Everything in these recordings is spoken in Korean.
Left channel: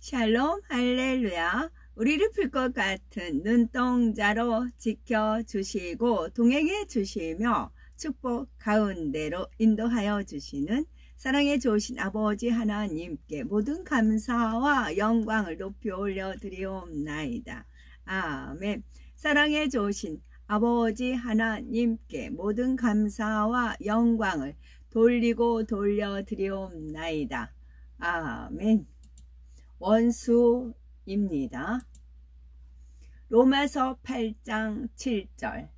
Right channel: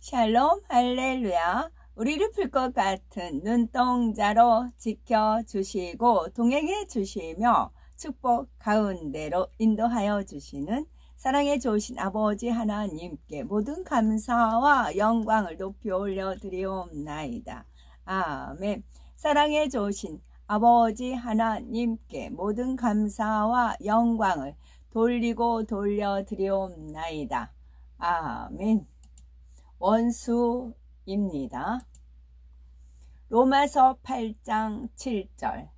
샬롬 할렐루야. 우리를 풀 것 같은 눈동자로 지켜주시고 동행해 주시며 축복 가운데로 인도하여 주시는 사랑에 좋으신 아버지 하나님께 모든 감사와 영광을 높이 올려드리옵나이다. 아멘. 사랑에 좋으신 아버지 하나님께 모든 감사와 영광을 돌리고 돌려드리옵나이다. 아멘. 원수입니다. 로마서 8장 7절.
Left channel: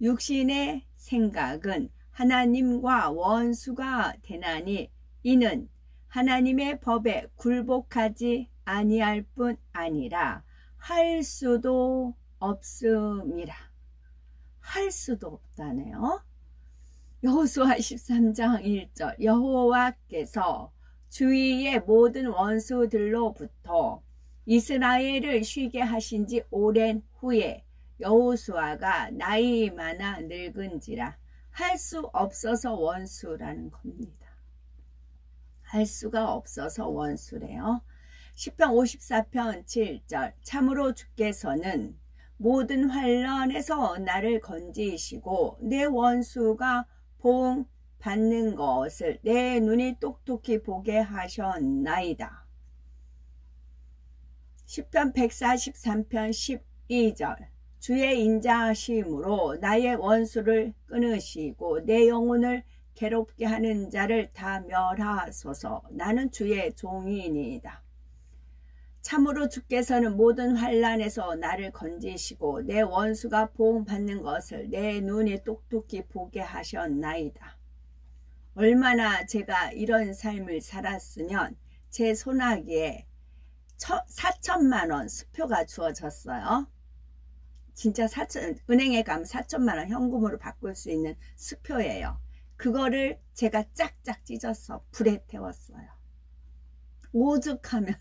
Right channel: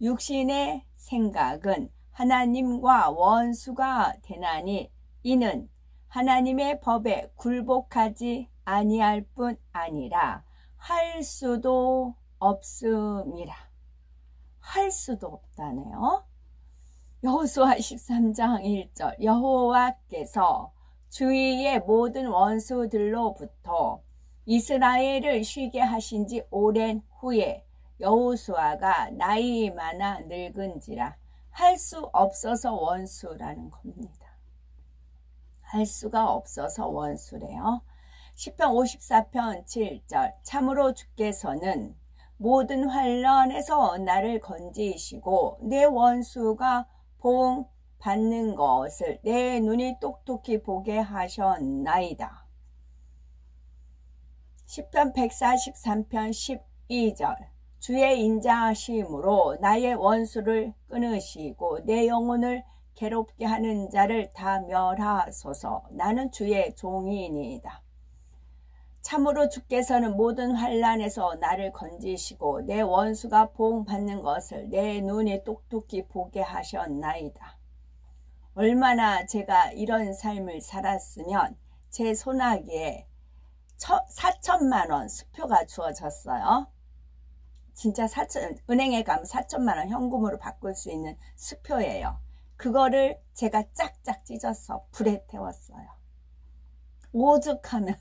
육신의 생각은 하나님과 원수가 되나니 이는 하나님의 법에 굴복하지 아니할 뿐 아니라 할 수도 없음이라. 할 수도 없다네요. 여호수아 13장 1절. 여호와께서 주위의 모든 원수들로부터 이스라엘을 쉬게 하신 지 오랜 후에 여호수아가 나이 많아 늙은지라. 할 수 없어서 원수라는 겁니다. 할 수가 없어서 원수래요. 시편 54편 7절. 참으로 주께서는 모든 환난에서 나를 건지시고 내 원수가 보응 받는 것을 내 눈이 똑똑히 보게 하셨나이다. 시편 143편 12절. 주의 인자하심으로 나의 원수를 끊으시고 내 영혼을 괴롭게 하는 자를 다 멸하소서. 나는 주의 종이니이다. 참으로 주께서는 모든 환난에서 나를 건지시고 내 원수가 보응받는 것을 내 눈이 똑똑히 보게 하셨나이다. 얼마나 제가 이런 삶을 살았으면 제 손아귀에 4천만 원 수표가 주어졌어요. 진짜 은행에 가면 4천만 원 현금으로 바꿀 수 있는 수표예요. 그거를 제가 짝짝 찢어서 불에 태웠어요. 오죽하면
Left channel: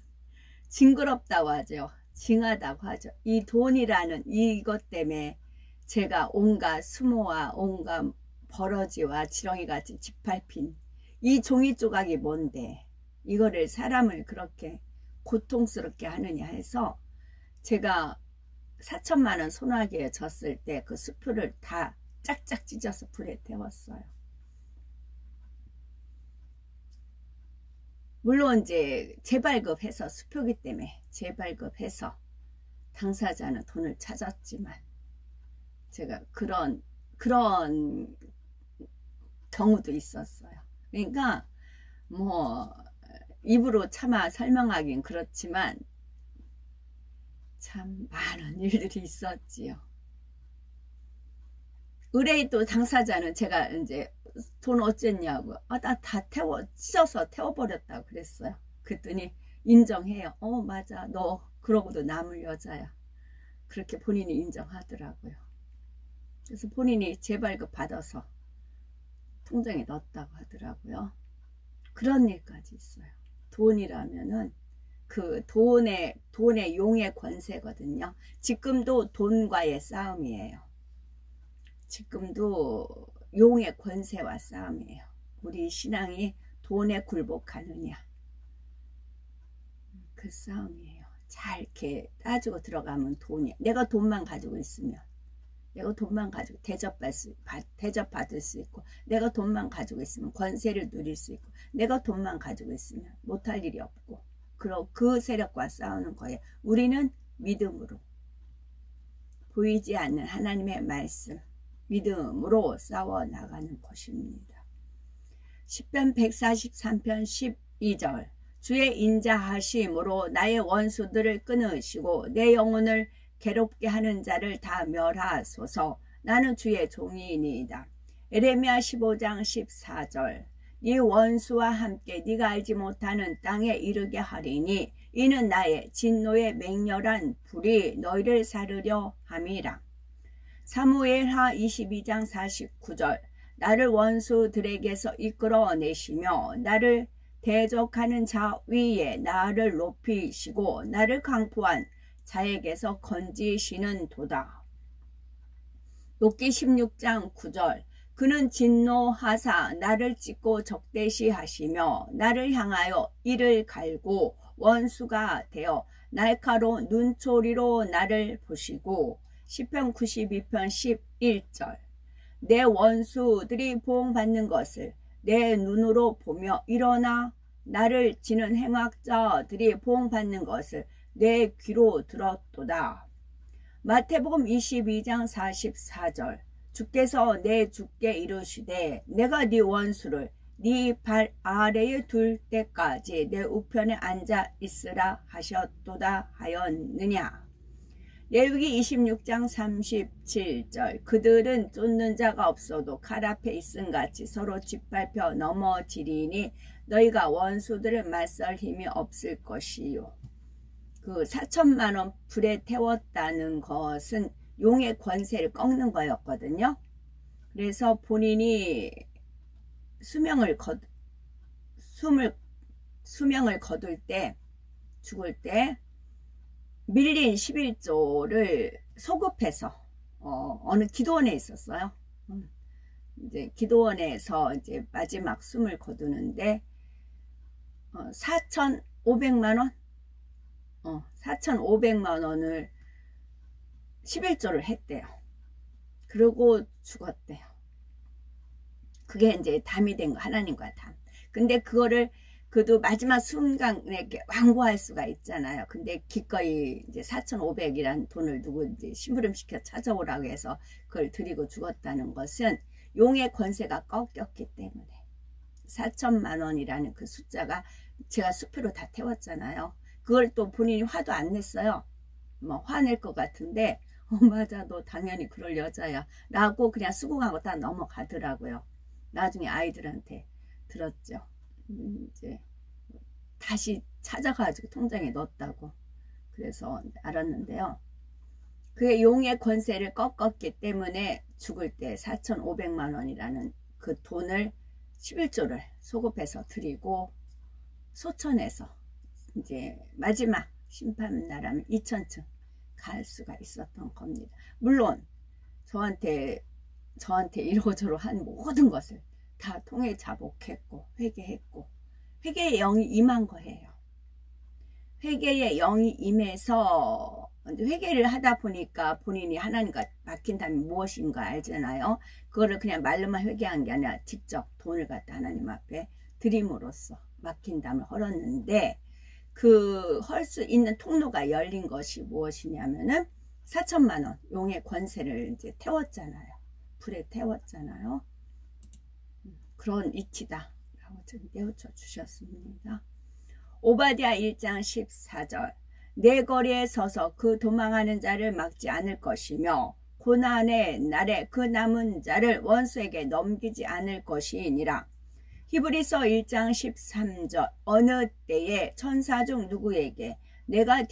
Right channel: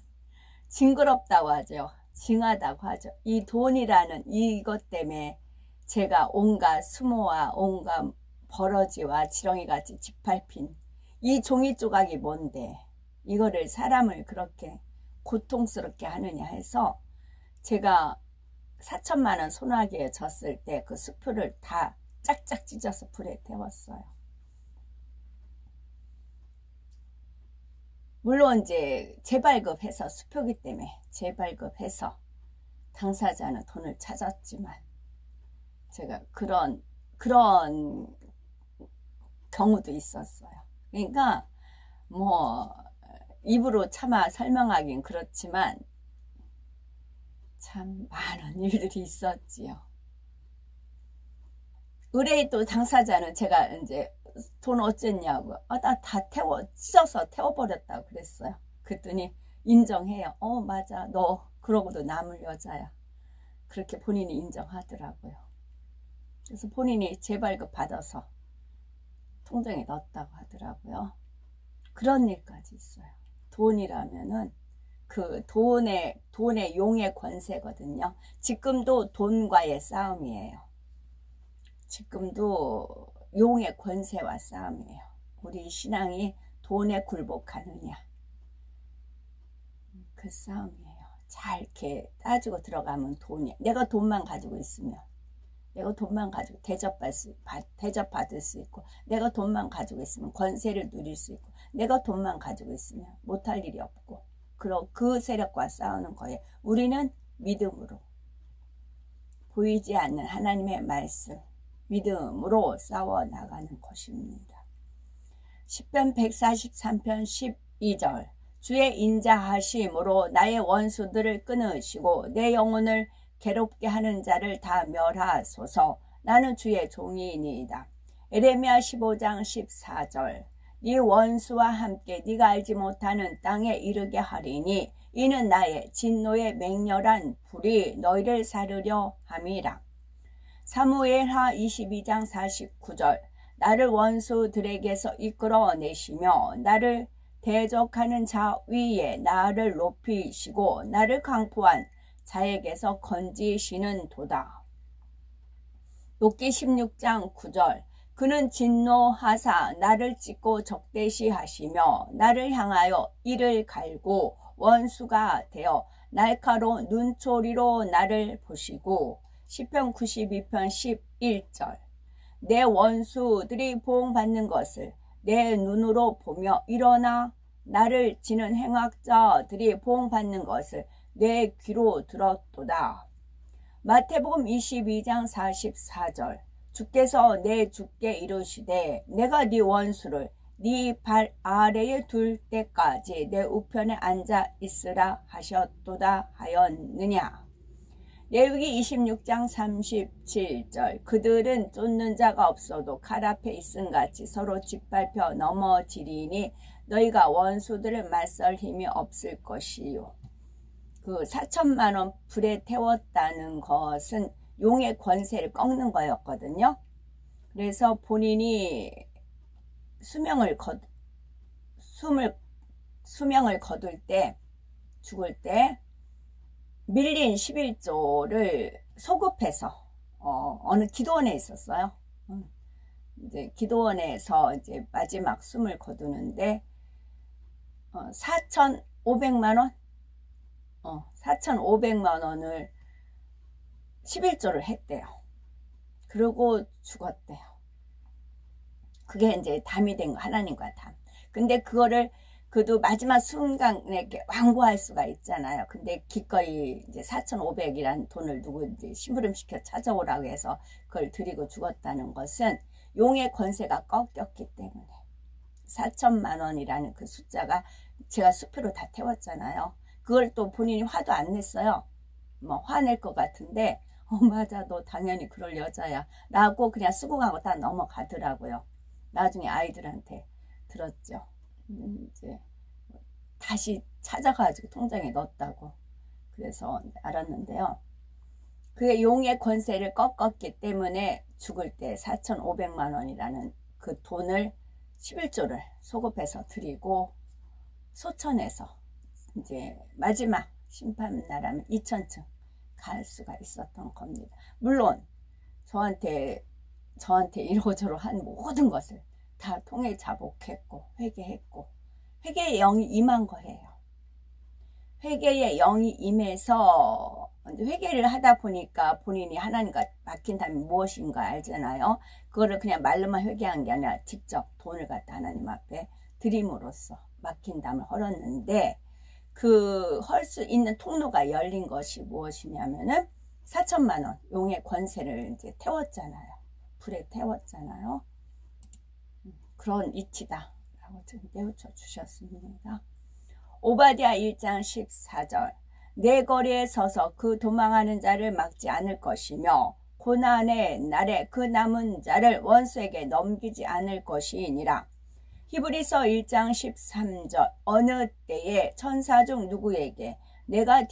징그럽다고 하죠. 징하다고 하죠. 이 돈이라는 이것 때문에 제가 온갖 수모와 온갖 버러지와 지렁이같이 짓밟힌 이 종이 조각이 뭔데 이거를 사람을 그렇게 고통스럽게 하느냐 해서 제가 4천만 원 손아귀에 졌을 때 그 수표를 다 짝짝 찢어서 불에 태웠어요. 물론 이제 재발급해서 수표기 때문에 재발급해서 당사자는 돈을 찾았지만 제가 그런 경우도 있었어요. 그러니까 뭐 입으로 차마 설명하긴 그렇지만 참 많은 일들이 있었지요. 의뢰인 또 당사자는 제가 이제 돈 어쨌냐고 나 다 찢어서 태워버렸다고 그랬어요. 그랬더니 인정해요. 맞아 너 그러고도 남을 여자야. 그렇게 본인이 인정하더라고요. 그래서 본인이 재발급 받아서 통장에 넣었다고 하더라고요. 그런 일까지 있어요. 돈이라면은 그 돈의 용의 권세거든요. 지금도 돈과의 싸움이에요. 지금도 용의 권세와 싸움이에요. 우리 신앙이 돈에 굴복하느냐 그 싸움이에요. 잘 이렇게 따지고 들어가면 돈이야. 내가 돈만 가지고 있으면 내가 돈만 가지고 대접받을 수 있고 내가 돈만 가지고 있으면 권세를 누릴 수 있고 내가 돈만 가지고 있으면 못할 일이 없고 그 세력과 싸우는 거예요. 우리는 믿음으로 보이지 않는 하나님의 말씀 믿음으로 싸워나가는 것입니다. 시편 143편 12절. 주의 인자하심으로 나의 원수들을 끊으시고 내 영혼을 괴롭게 하는 자를 다 멸하소서. 나는 주의 종이니이다. 에레미야 15장 14절. 네 원수와 함께 네가 알지 못하는 땅에 이르게 하리니 이는 나의 진노의 맹렬한 불이 너희를 사르려 함이라. 사무엘하 22장 49절. 나를 원수들에게서 이끌어내시며 나를 대적하는 자 위에 나를 높이시고 나를 강포한 자에게서 건지시는 도다. 욥기 16장 9절. 그는 진노하사 나를 찢고 적대시하시며 나를 향하여 이를 갈고 원수가 되어 날카로운 눈초리로 나를 보시고. 시편 92편 11절. 내 원수들이 보응받는 것을 내 눈으로 보며 일어나 나를 지는 행악자들이 보응받는 것을 내 귀로 들었도다. 마태복음 22장 44절. 주께서 내 주께 이르시되 내가 네 원수를 네 발 아래에 둘 때까지 내 우편에 앉아 있으라 하셨도다 하였느냐. 레위기 26장 37절. 그들은 쫓는 자가 없어도 칼 앞에 있음같이 서로 짓밟혀 넘어지리니 너희가 원수들을 맞설 힘이 없을 것이요. 그 4천만 원 불에 태웠다는 것은 용의 권세를 꺾는 거였거든요. 그래서 본인이 수명을 거둘 때, 죽을 때 밀린 11조를 소급해서 어느 기도원에 있었어요. 이제 기도원에서 이제 마지막 숨을 거두는데 4,500만 원? 4,500만 원을 11조를 했대요. 그리고 죽었대요. 그게 이제 담이 된 거, 하나님과 담. 근데 그거를 그도 마지막 순간에 완고할 수가 있잖아요. 근데 기꺼이 이제 4,500이란 돈을 누구 이제 심부름시켜 찾아오라고 해서 그걸 드리고 죽었다는 것은 용의 권세가 꺾였기 때문에 4천만 원이라는 그 숫자가 제가 수표로 다 태웠잖아요. 그걸 또 본인이 화도 안 냈어요. 뭐 화낼 것 같은데 맞아 너 당연히 그럴 여자야 라고 그냥 쓰고 가고 다 넘어가더라고요. 나중에 아이들한테 들었죠. 이제 다시 찾아가지고 통장에 넣었다고 그래서 알았는데요. 그게 용의 권세를 꺾었기 때문에 죽을 때 4,500만 원이라는 그 돈을 11조를 소급해서 드리고 소천에서 이제 마지막 심판나라면 2천층 갈 수가 있었던 겁니다. 물론 저한테 이러저러 한 모든 것을 다 통해 자복했고 회개했고 회개의 영이 임한 거예요. 회개의 영이 임해서 회개를 하다 보니까 본인이 하나님과 막힌 담이 무엇인가 알잖아요. 그거를 그냥 말로만 회개한 게 아니라 직접 돈을 갖다 하나님 앞에 드림으로써 막힌 담을 헐었는데 그 헐 수 있는 통로가 열린 것이 무엇이냐면은 4천만 원 용의 권세를 이제 태웠잖아요. 불에 태웠잖아요. 그런 이치다 라고 지금 떼우쳐 주셨습니다. 오바댜 1장 14절. 내 거리에 서서 그 도망하는 자를 막지 않을 것이며 고난의 날에 그 남은 자를 원수에게 넘기지 않을 것이니라. 히브리서 1장 13절. 어느 때에 천사 중 누구에게 내가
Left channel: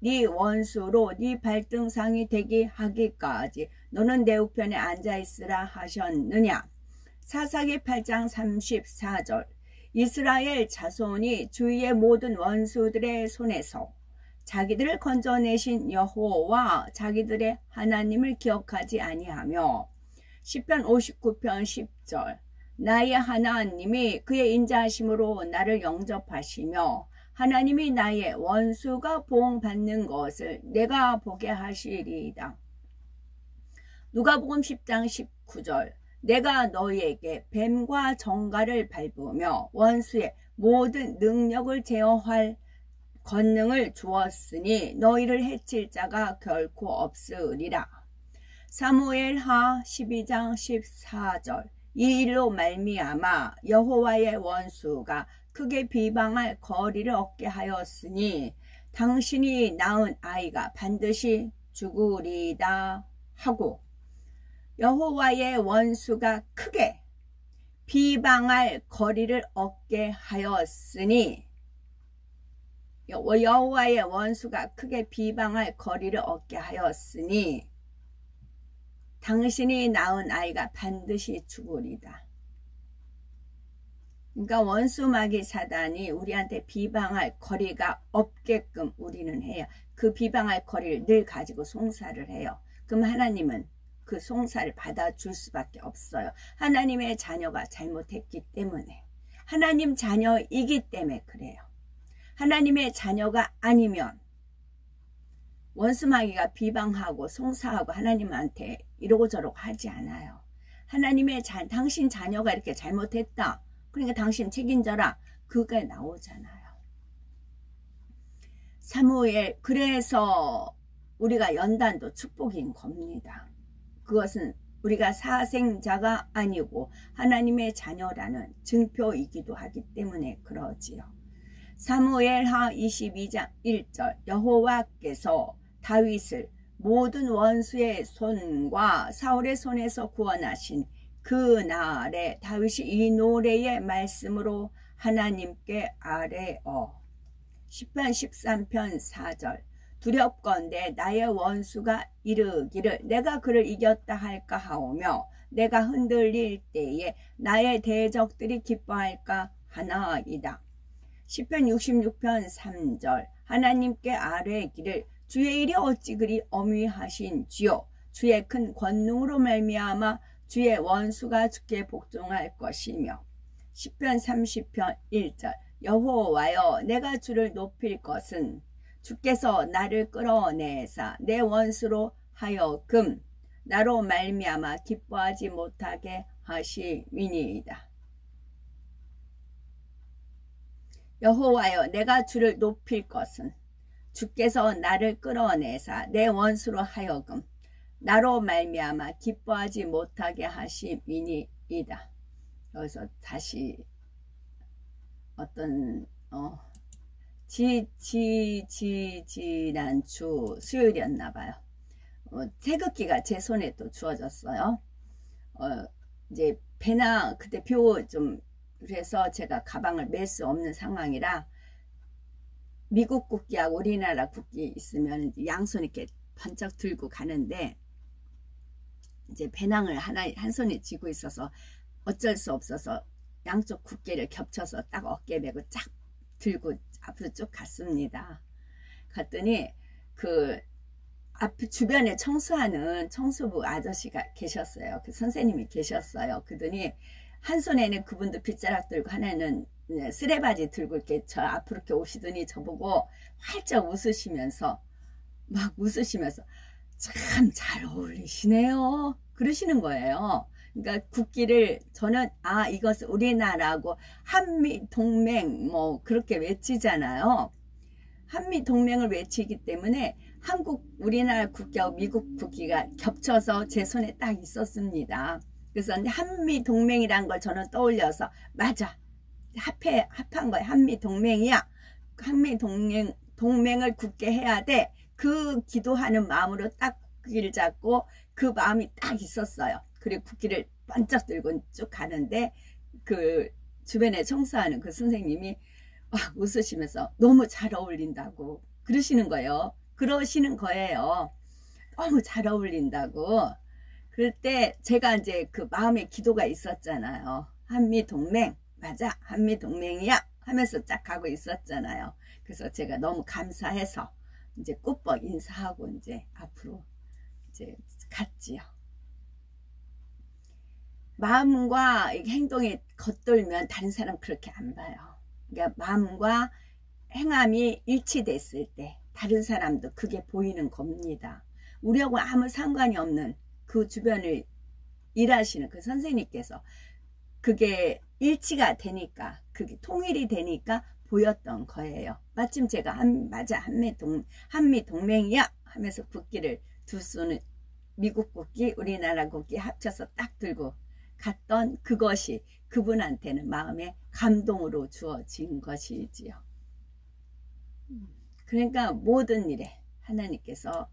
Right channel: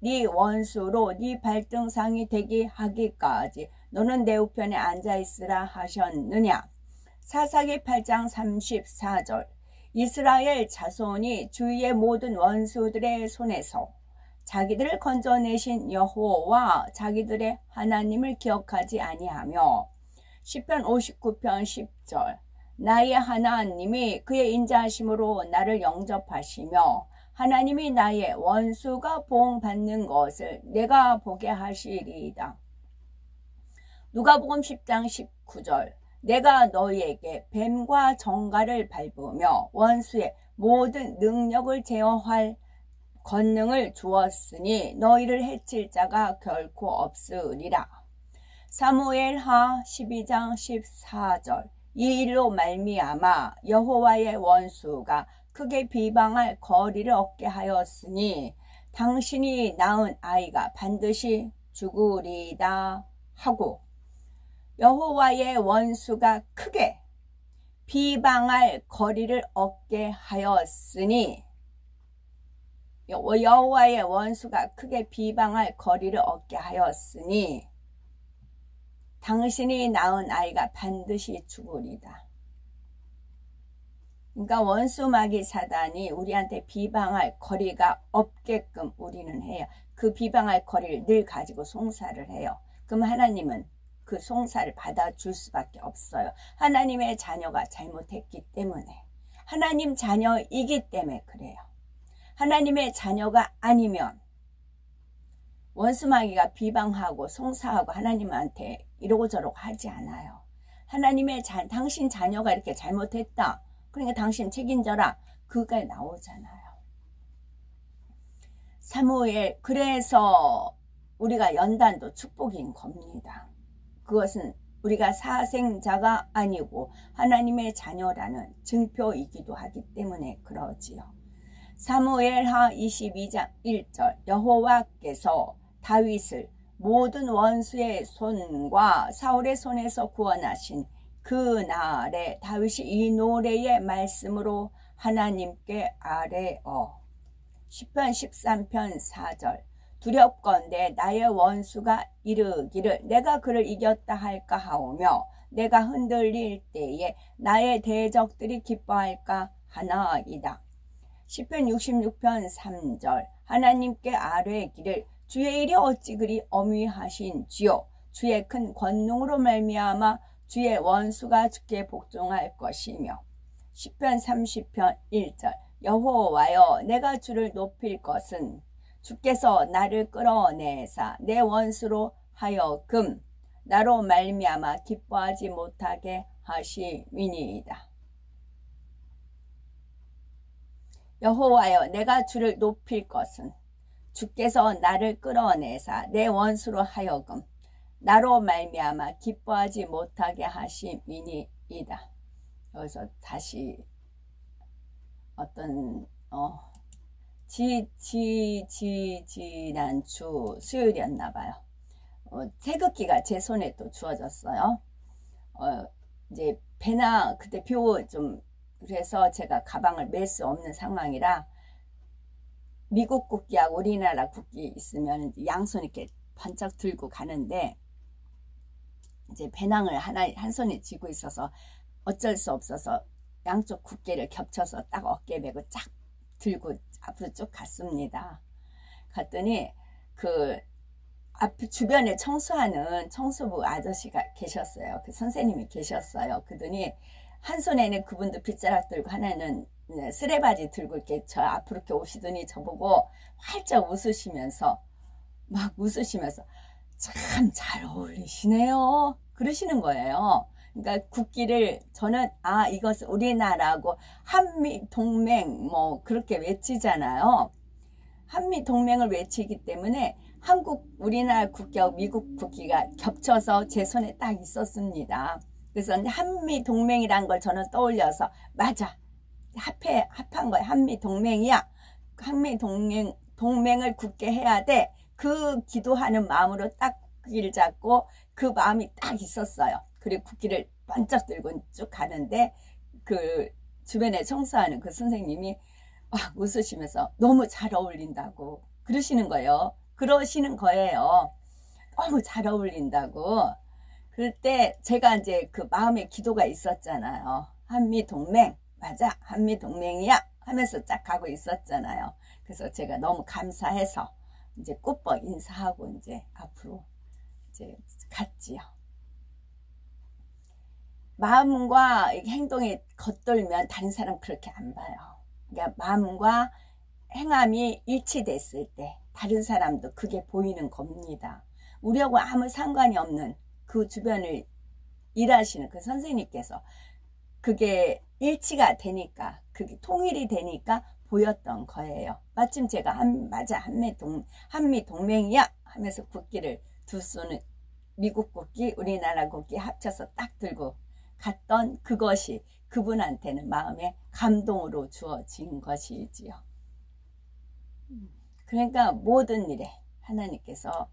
네 원수로 네 발등상이 되게 하기까지 너는 내 우편에 앉아있으라 하셨느냐. 사사기 8장 34절. 이스라엘 자손이 주위의 모든 원수들의 손에서 자기들을 건져내신 여호와 자기들의 하나님을 기억하지 아니하며. 시편 59편 10절. 나의 하나님이 그의 인자하심으로 나를 영접하시며 하나님이 나의 원수가 보응받는 것을 내가 보게 하시리이다. 누가복음 10장 19절. 내가 너희에게 뱀과 정갈을 밟으며 원수의 모든 능력을 제어할 권능을 주었으니 너희를 해칠 자가 결코 없으리라. 사무엘하 12장 14절. 이 일로 말미암아 여호와의 원수가 크게 비방할 거리를 얻게 하였으니 당신이 낳은 아이가 반드시 죽으리다 하고. 여호와의 원수가 크게 비방할 거리를 얻게 하였으니 여호와의 원수가 크게 비방할 거리를 얻게 하였으니 당신이 낳은 아이가 반드시 죽으리다. 그러니까 원수 마귀 사단이 우리한테 비방할 거리가 없게끔 우리는 해요. 그 비방할 거리를 늘 가지고 송사를 해요. 그럼 하나님은 그 송사를 받아줄 수밖에 없어요. 하나님의 자녀가 잘못했기 때문에, 하나님 자녀이기 때문에 그래요. 하나님의 자녀가 아니면 원수마귀가 비방하고 송사하고 하나님한테 이러고 저러고 하지 않아요. 하나님의 당신 자녀가 이렇게 잘못했다. 그러니까 당신 책임져라. 그게 나오잖아요. 사무엘, 그래서 우리가 연단도 축복인 겁니다. 그것은 우리가 사생자가 아니고 하나님의 자녀라는 증표이기도 하기 때문에 그러지요. 사무엘하 22장 1절 여호와께서 다윗을 모든 원수의 손과 사울의 손에서 구원하신 그 날에 다윗이 이 노래의 말씀으로 하나님께 아뢰어. 시편 13편 4절 두렵건대 나의 원수가 이르기를 내가 그를 이겼다 할까 하오며 내가 흔들릴 때에 나의 대적들이 기뻐할까 하나이다. 시편 66편 3절 하나님께 아뢰기를 주의 일이 어찌 그리 어미하신지요. 주의 큰 권능으로 말미암아 주의 원수가 주께 복종할 것이며. 시편 30편 1절 여호와여 내가 주를 높일 것은 주께서 나를 끌어내사 내 원수로 하여금 나로 말미암아 기뻐하지 못하게 하심이니이다. 여호와여 내가 주를 높일 것은 주께서 나를 끌어내사 내 원수로 하여금 나로 말미암아 기뻐하지 못하게 하심이니이다. 여기서 다시 어떤 지난주 수요일이었나 봐요. 태극기가 제 손에 또 주어졌어요. 이제 배낭 그때 좀 그래서 제가 가방을 멜 수 없는 상황이라 미국 국기하고 우리나라 국기 있으면 양손 이렇게 번쩍 들고 가는데 이제 배낭을 한 손에 쥐고 있어서 어쩔 수 없어서 양쪽 국기를 겹쳐서 딱 어깨에 메고 쫙 들고 앞으로 쭉 갔습니다. 갔더니 그 앞 주변에 청소하는 청소부 아저씨가 계셨어요. 그 선생님이 계셨어요. 그러더니 한 손에는 그분도 빗자락 들고 하나는 쓰레바지 들고 이렇게 저 앞으로 이렇게 오시더니 저보고 활짝 웃으시면서 막 웃으시면서 참 잘 어울리시네요. 그러시는 거예요. 그러니까 국기를 저는 이것은 우리나라하고 한미동맹 뭐 그렇게 외치잖아요. 한미동맹을 외치기 때문에 우리나라 국기하고 미국 국기가 겹쳐서 제 손에 딱 있었습니다. 그래서 한미동맹이란 걸 저는 떠올려서 맞아 합한 거야. 한미동맹이야. 한미동맹을 굳게 해야 돼. 그 기도하는 마음으로 딱 국기를 잡고 그 마음이 딱 있었어요. 그리고 국기를 번쩍 들고 쭉 가는데 그 주변에 청소하는 그 선생님이 웃으시면서 너무 잘 어울린다고 그러시는 거예요. 너무 잘 어울린다고. 그럴 때 제가 이제 그 마음에 기도가 있었잖아요. 한미동맹 맞아 한미동맹이야 하면서 쫙 가고 있었잖아요. 그래서 제가 너무 감사해서 이제 꽃버 인사하고 이제 앞으로 이제 갔지요. 마음과 행동이 겉돌면 다른 사람 그렇게 안 봐요. 그러니까 마음과 행함이 일치됐을 때 다른 사람도 그게 보이는 겁니다. 우리하고 아무 상관이 없는 그 주변을 일하시는 그 선생님께서 그게 일치가 되니까 그게 통일이 되니까 보였던 거예요. 마침 제가 한미동맹이야 하면서 국기를 두 손을 미국 국기 우리나라 국기 합쳐서 딱 들고 갔던 그것이 그분한테는 마음에 감동으로 주어진 것이지요. 그러니까 모든 일에 하나님께서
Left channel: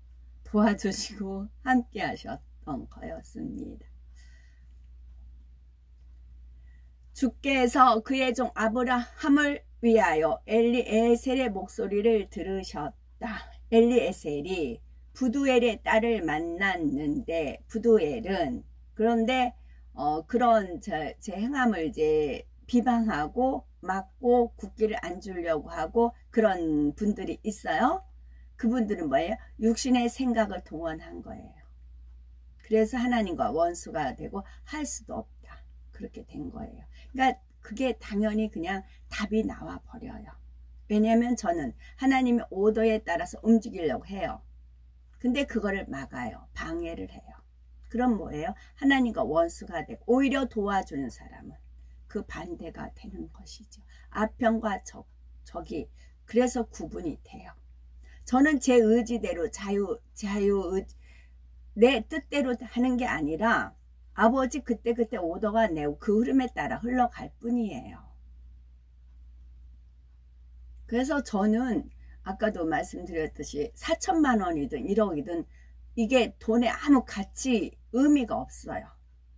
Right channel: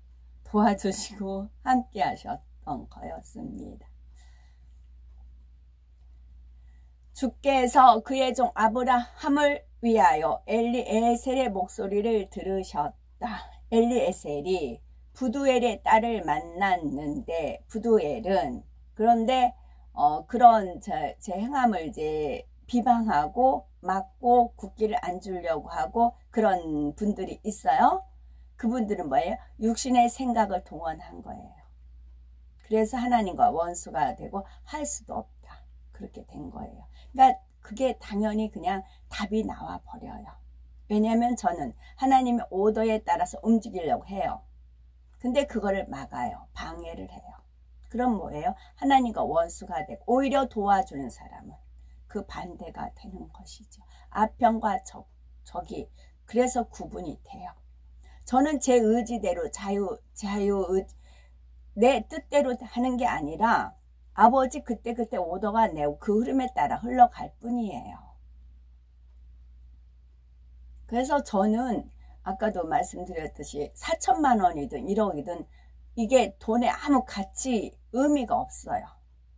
도와주시고 함께 하셨던 거였습니다. 주께서 그의 종 아브라함을 위하여 엘리에셀의 목소리를 들으셨다. 엘리에셀이 부두엘의 딸을 만났는데 부두엘은 그런데 그런 제 행함을 이제 비방하고 막고 국기를 안 주려고 하고 그런 분들이 있어요. 그분들은 뭐예요? 육신의 생각을 동원한 거예요. 그래서 하나님과 원수가 되고 할 수도 없다. 그렇게 된 거예요. 그러니까 그게 당연히 그냥 답이 나와 버려요. 왜냐하면 저는 하나님의 오더에 따라서 움직이려고 해요. 근데 그거를 막아요. 방해를 해요. 그럼 뭐예요? 하나님과 원수가 되고 오히려 도와주는 사람은 그 반대가 되는 것이죠. 아편과 적이 그래서 구분이 돼요. 저는 제 의지대로 내 뜻대로 하는 게 아니라 아버지 그때 오더가 내고 그 흐름에 따라 흘러갈 뿐이에요. 그래서 저는 아까도 말씀드렸듯이 4천만 원이든 1억이든 이게 돈에 아무 가치 의미가 없어요.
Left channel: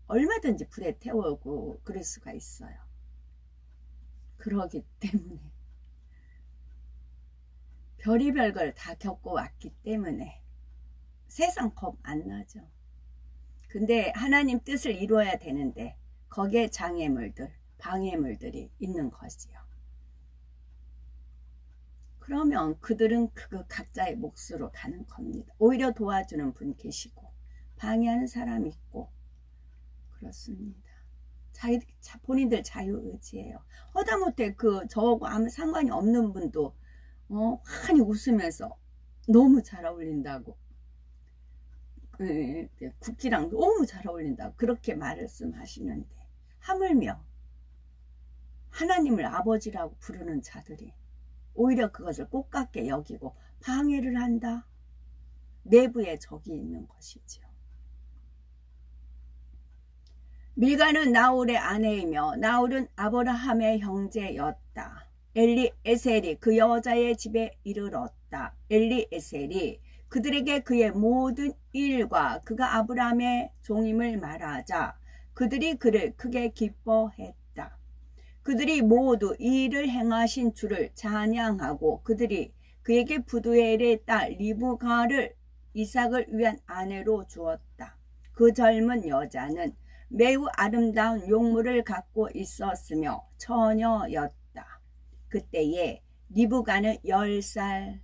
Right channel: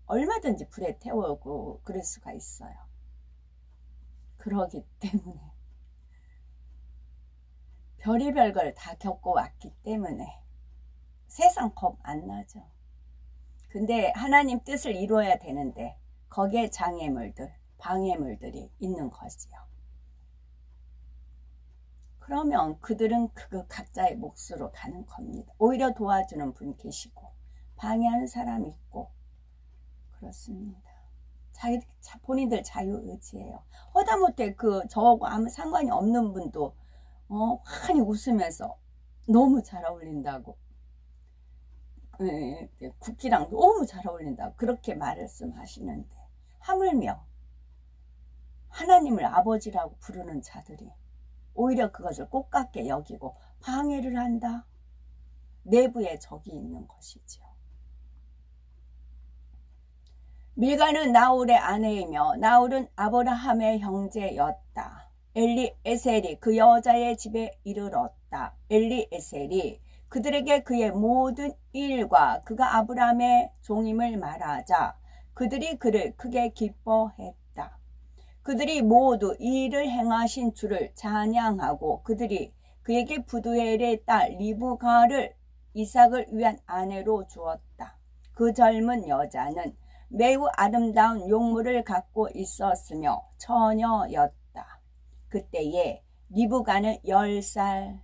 얼마든지 불에 태우고 그럴 수가 있어요. 그러기 때문에 별의별 걸 다 겪어왔기 때문에 세상 겁 안 나죠. 근데 하나님 뜻을 이루어야 되는데 거기에 장애물들, 방해물들이 있는 거지요. 그러면 그들은 그 각자의 몫으로 가는 겁니다. 오히려 도와주는 분 계시고 방해하는 사람이 있고 그렇습니다. 본인들 자유의지예요. 허다못해 저하고 아무 상관이 없는 분도 환히 웃으면서 너무 잘 어울린다고, 국기랑 너무 잘 어울린다고 그렇게 말씀하시는데, 하물며 하나님을 아버지라고 부르는 자들이 오히려 그것을 꽃같게 여기고 방해를 한다. 내부에 적이 있는 것이죠. 밀가는 나홀의 아내이며 나홀은 아브라함의 형제였다. 엘리에셀이 그 여자의 집에 이르렀다. 엘리에셀이 그들에게 그의 모든 일과 그가 아브라함의 종임을 말하자 그들이 그를 크게 기뻐했다. 그들이 모두 이 일을 행하신 주를 찬양하고 그들이 그에게 부두엘의 딸 리브가를 이삭을 위한 아내로 주었다. 그 젊은 여자는 매우 아름다운 용모를 갖고 있었으며 처녀였다. 그때에 리브가는 10살이었다.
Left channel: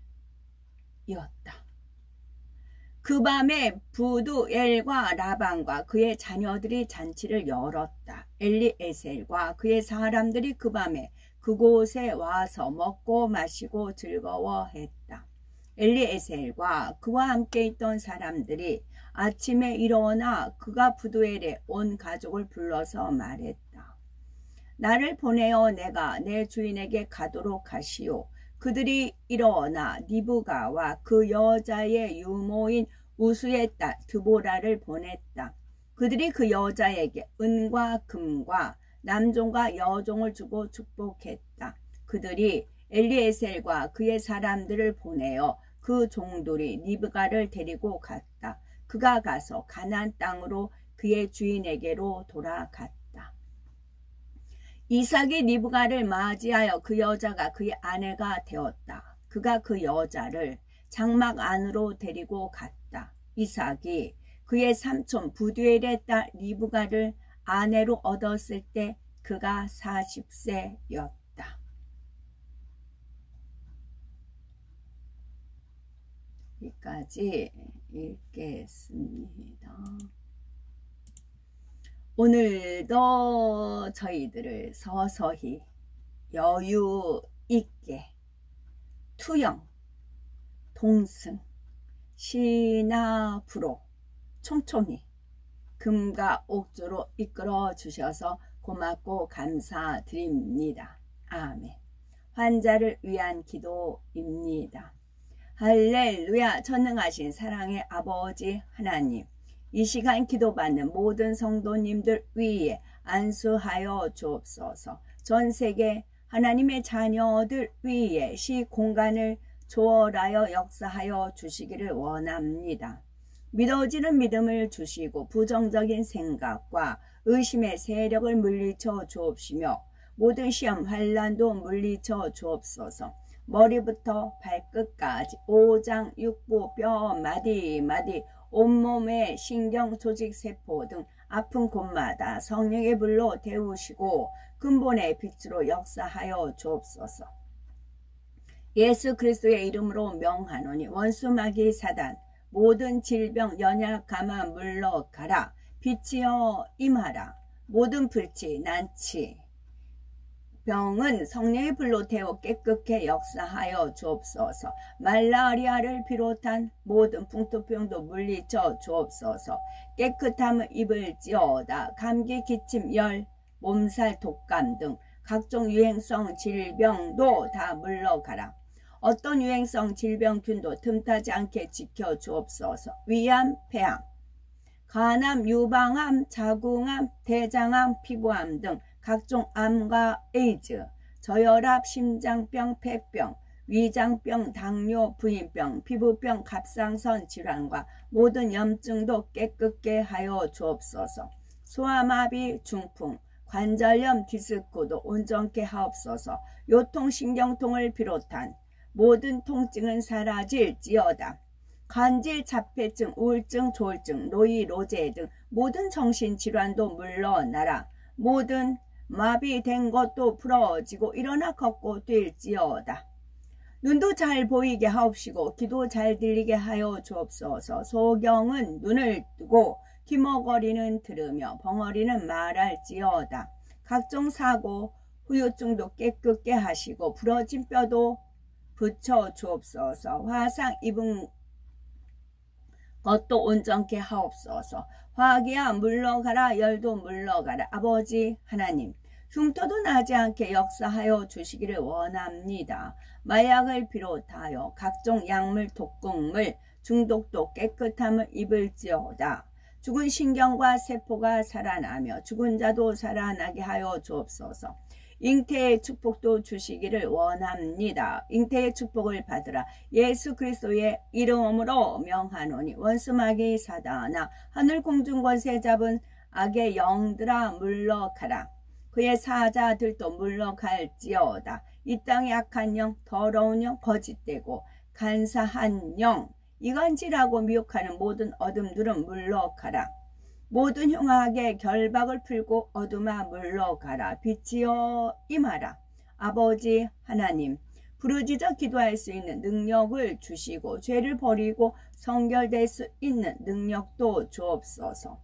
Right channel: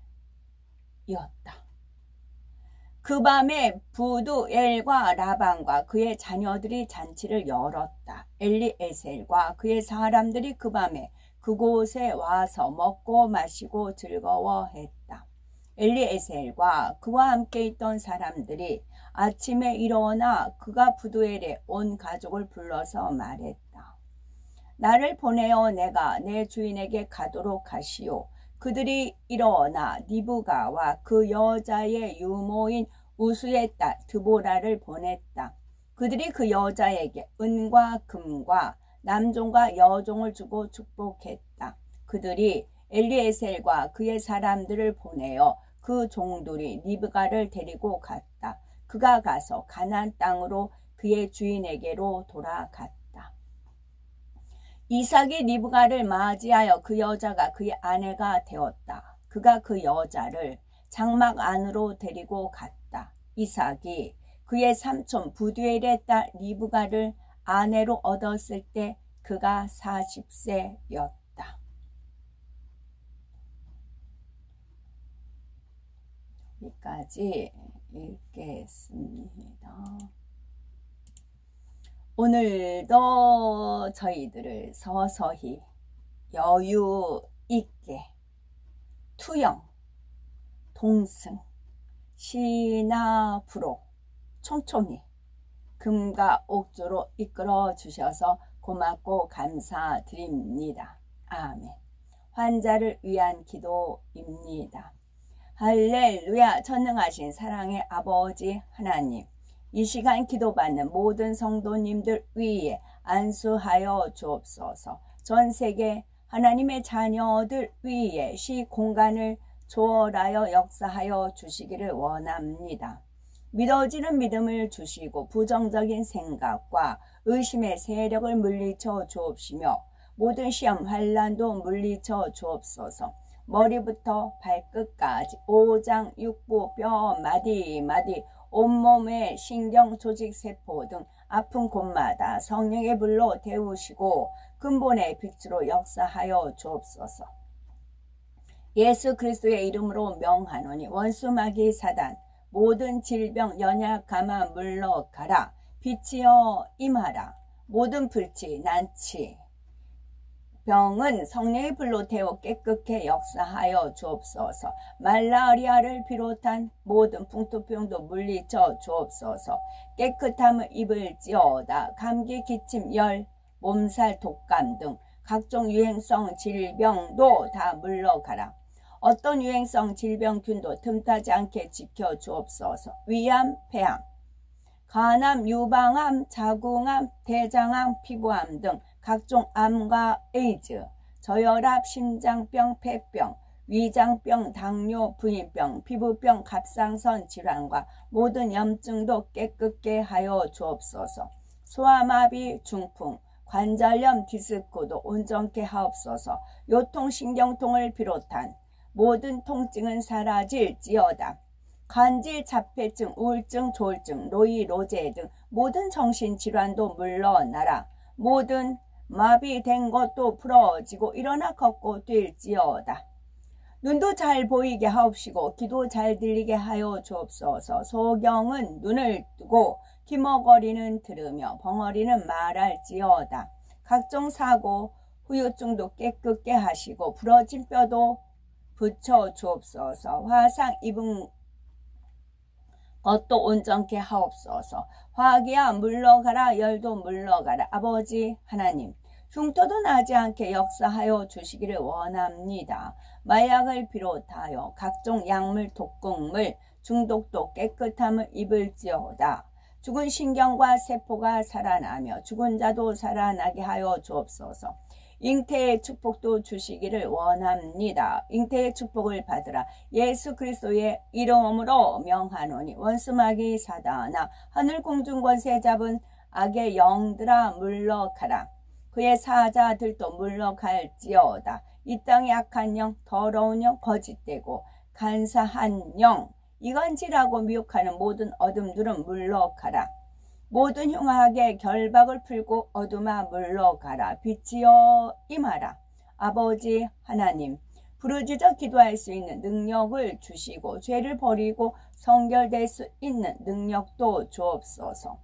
그 밤에 부두엘과 라반과 그의 자녀들이 잔치를 열었다. 엘리에셀과 그의 사람들이 그 밤에 그곳에 와서 먹고 마시고 즐거워했다. 엘리에셀과 그와 함께 있던 사람들이 아침에 일어나 그가 부두엘에 온 가족을 불러서 말했다. 나를 보내어 내가 내 주인에게 가도록 하시오. 그들이 일어나 리브가와 그 여자의 유모인 우수의 딸 드보라를 보냈다. 그들이 그 여자에게 은과 금과 남종과 여종을 주고 축복했다. 그들이 엘리에셀과 그의 사람들을 보내어 그 종들이 리브가를 데리고 갔다. 그가 가서 가나안 땅으로 그의 주인에게로 돌아갔다. 이삭이 리브가를 맞이하여 그 여자가 그의 아내가 되었다. 그가 그 여자를 장막 안으로 데리고 갔다. 이삭이 그의 삼촌 부두엘의 딸 리브가를 아내로 얻었을 때 그가 40세였다. 여기까지 읽겠습니다. 오늘도 저희들을 서서히 여유 있게 투영, 동승, 시나프로 총총히 금과 옥조로 이끌어 주셔서 고맙고 감사드립니다. 아멘. 환자를 위한 기도입니다. 할렐루야. 전능하신 사랑의 아버지 하나님, 이 시간 기도받는 모든 성도님들 위에 안수하여 주옵소서. 전 세계 하나님의 자녀들 위에 시공간을 초월하여 역사하여 주시기를 원합니다. 믿어지는 믿음을 주시고 부정적인 생각과 의심의 세력을 물리쳐 주옵시며 모든 시험 환난도 물리쳐 주옵소서. 머리부터 발끝까지 오장 육부 뼈 마디 온몸의 신경 조직 세포 등 아픈 곳마다 성령의 불로 데우시고 근본의 빛으로 역사하여 주옵소서. 예수 그리스도의 이름으로 명하노니 원수 마귀 사단 모든 질병 연약 감아 물러가라. 빛이여 임하라. 모든 불치 난치 병은 성령의 불로 태워 깨끗게 역사하여 주옵소서. 말라리아를 비롯한 모든 풍토병도 물리쳐 주옵소서. 깨끗함을 입을지어다. 감기, 기침, 열, 몸살, 독감 등 각종 유행성 질병도 다 물러가라. 어떤 유행성 질병균도 틈타지 않게 지켜 주옵소서. 위암, 폐암, 간암, 유방암, 자궁암, 대장암, 피부암 등 각종 암과 에이즈, 저혈압, 심장병, 폐병, 위장병, 당뇨, 부인병, 피부병, 갑상선 질환과 모든 염증도 깨끗게 하여 주옵소서. 소아마비, 중풍, 관절염, 디스크도 온전케 하옵소서. 요통신경통을 비롯한 모든 통증은 사라질지어다. 간질, 자폐증, 우울증, 조울증, 노이, 로제 등 모든 정신질환도 물러나라. 모든 마비된 것도 풀어지고 일어나 걷고 뛸지어다. 눈도 잘 보이게 하옵시고 귀도 잘 들리게 하여 주옵소서. 소경은 눈을 뜨고 귀머거리는 들으며 벙어리는 말할지어다. 각종 사고, 후유증도 깨끗게 하시고 부러진 뼈도 붙여 주옵소서. 화상 입은 것도 온전케 하옵소서. 화기야 물러가라. 열도 물러가라. 아버지 하나님, 흉터도 나지 않게 역사하여 주시기를 원합니다. 마약을 비롯하여 각종 약물, 독극물, 중독도 깨끗함을 입을지어다. 죽은 신경과 세포가 살아나며 죽은 자도 살아나게 하여 주옵소서. 잉태의 축복도 주시기를 원합니다. 잉태의 축복을 받으라. 예수 그리스도의 이름으로 명하노니 원수마귀 사단아, 하늘 공중 권세 잡은 악의 영들아 물러가라. 그의 사자들도 물러갈지어다. 이 땅의 악한 영, 더러운 영, 거짓되고 간사한 영, 이간질하고 미혹하는 모든 어둠들은 물러가라. 모든 흉악의 결박을 풀고 어둠아 물러가라. 빛이여 임하라. 아버지 하나님, 부르짖어 기도할 수 있는 능력을 주시고 죄를 버리고 성결될 수 있는 능력도 주옵소서.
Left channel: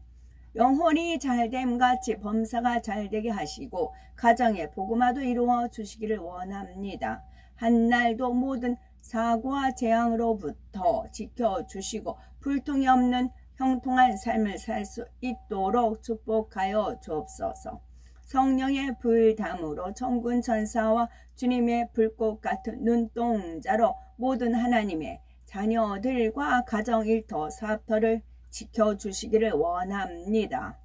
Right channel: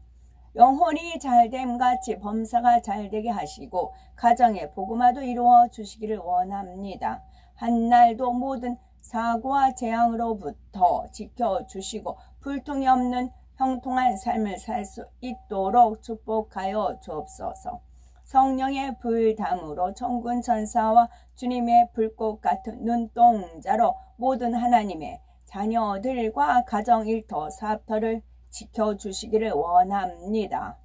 영혼이 잘됨같이 범사가 잘되게 하시고 가정의 복음화도 이루어 주시기를 원합니다. 한날도 모든 사고와 재앙으로부터 지켜주시고 불통이 없는 형통한 삶을 살 수 있도록 축복하여 주옵소서. 성령의 불담으로 천군 천사와 주님의 불꽃 같은 눈동자로 모든 하나님의 자녀들과 가정 일터 사업터를 지켜주시기를 원합니다.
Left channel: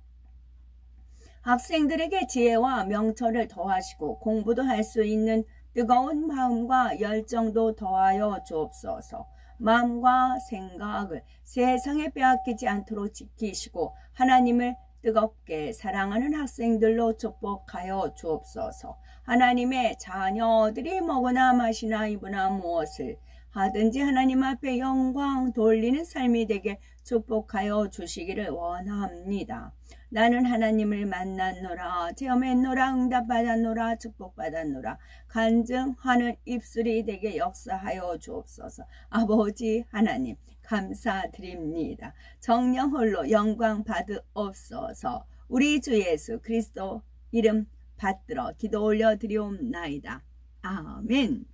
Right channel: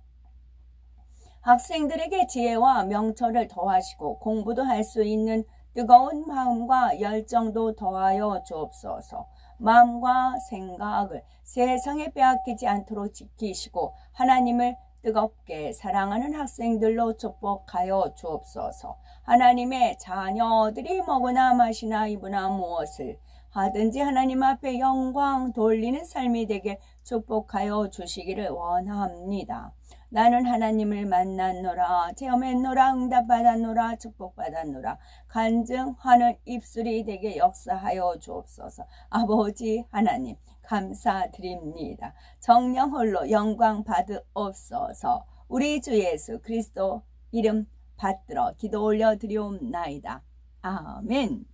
학생들에게 지혜와 명철을 더하시고 공부도 할 수 있는 뜨거운 마음과 열정도 더하여 주옵소서. 마음과 생각을 세상에 빼앗기지 않도록 지키시고 하나님을 뜨겁게 사랑하는 학생들로 축복하여 주옵소서. 하나님의 자녀들이 먹으나 마시나 입으나 무엇을 하든지 하나님 앞에 영광 돌리는 삶이 되게 축복하여 주시기를 원합니다. 나는 하나님을 만났노라, 체험했노라, 응답받았노라, 축복받았노라, 간증하는 입술이 되게 역사하여 주옵소서. 아버지 하나님 감사드립니다. 정령 홀로 영광 받으옵소서. 우리 주 예수 그리스도 이름 받들어 기도 올려 드리옵나이다. 아멘.